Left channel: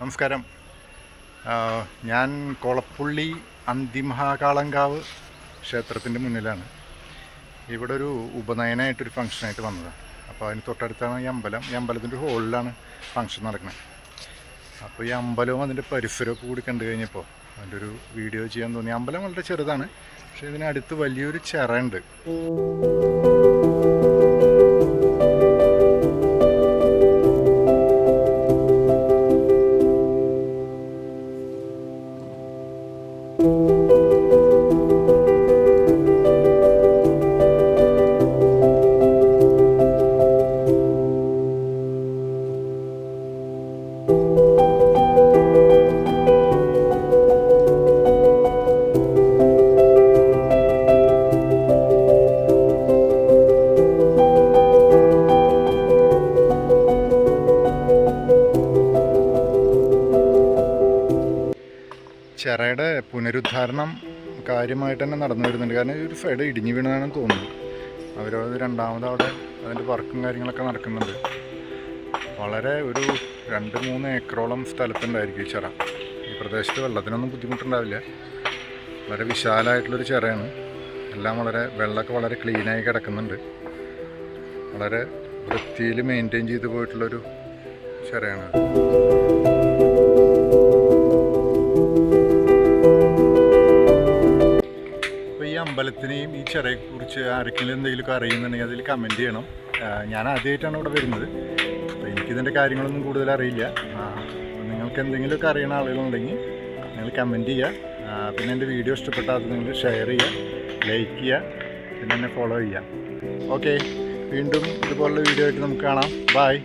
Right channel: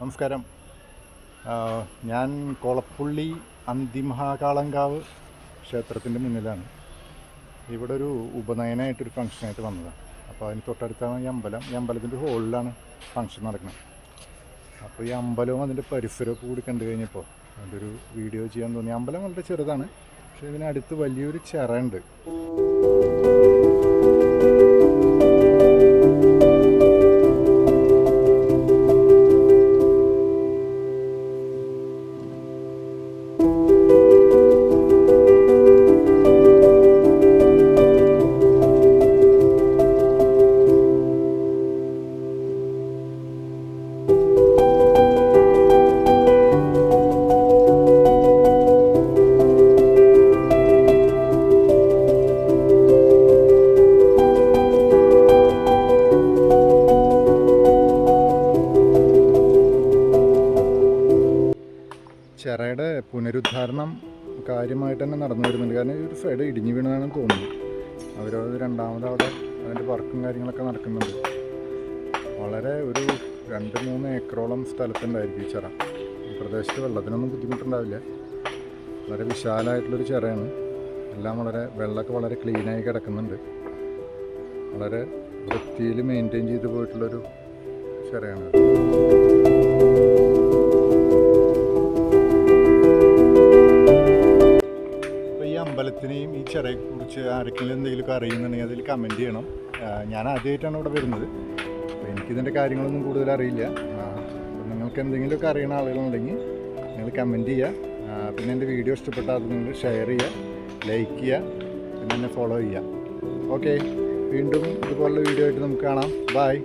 നമസ്കാരം. ഞാൻ കൊളപ്പുള്ളി അന്തിമഹാകാളങ്കാവ് ക്ഷേത്രത്തിന്റെ മുന്നിലാണ്. ഇവിടെ ഒരു ഉപനയനമായിട്ടൊരു ഫംഗ്ഷനായിട്ട് വന്നതാണ് അപ്പോൾ അതിന് തൊട്ടടുത്താണ് ഈ അമ്പലം. ഈ അമ്പലത്തിന്റെ ഹോളിലാണ് ഫംഗ്ഷൻ നടക്കുന്നത് അപ്പോൾ ഈ അമ്പലവും അതിന്റെ പരിസരമൊക്കെ കൂടി കണ്ടു കഴിഞ്ഞപ്പോൾ അതിന്റെ ഒരു വീഡിയോ ചെയ്യാൻ തോന്നി. അമ്പലം വളരെ ചെറുതാണ്. പക്ഷേ ഇതിനടുത്ത് വലിയൊരു ചിറയുണ്ട് ചിറയുടെ പുനരുദ്ധാരണം കാര്യമായിട്ട് തന്നെ നടന്നു വരുന്നുണ്ട്. കാരണം ഒരു സൈഡ് ഇടിഞ്ഞു വീണതാണെന്ന് തോന്നുന്നു അവരത് രണ്ടാമത് അവിടെ അതിന്റെ വർക്കും കാര്യങ്ങളൊക്കെ നടക്കുന്നുണ്ട്. വളരെ ഒരു രണ്ട് മൂന്ന് ഏക്കറോളം സ്ഥലത്തുണ്ടായിരിക്കും ഈ ചിറ. ഈ പ്രദേശത്ത് വെള്ളത്തിനൊന്നും ബുദ്ധിമുട്ടുണ്ടാവില്ല. വളരെ വിശാലമായിട്ടുള്ളൊരു ചിറയാണ്. എല്ലാം വളരെ വെള്ളമൊക്കെ വളരെ ക്ലീനായി കിടക്കുന്നുണ്ട്. വളരെ വൃത്തിയിൽ മെയിന്റെയിൻ ചെയ്ത് പോയിട്ടുള്ളൊരു ചിറയാണ്. അമ്പലത്തിനെയും ഈ ചിറയെക്കുറിച്ച് ആർക്കെങ്കിലും എന്തെങ്കിലുമൊക്കെ അറിയുന്നുണ്ടെങ്കിൽ അതിൽ കമന്റ് ചെയ്യണം. ഞാൻ ആദ്യമായിട്ടാണ് ഇവിടെ വരുന്നത്. അപ്പോൾ എനിക്കിതിന്റെ കാര്യങ്ങളൊന്നും കൂടുതൽ അറിയില്ല. അപ്പോൾ നിങ്ങൾക്ക് എന്തെങ്കിലുമൊക്കെ അറിയുന്ന ആളുകളുണ്ടെങ്കിൽ നിങ്ങൾ കമന്റ് ചെയ്യുക. പിന്നെ എന്റെ വീഡിയോ ഇഷ്ടപ്പെട്ടാൽ അത് നിങ്ങൾ ഷെയർ ചെയ്യുക ലൈക്ക് ചെയ്യുക പിന്നെ എന്നെ ഫോളോ ചെയ്യുക. ഓക്കെ വീണ്ടും ഇതുപോലുള്ള വീഡിയോ ആയിട്ട് നമുക്ക് കാണാം. ബായ്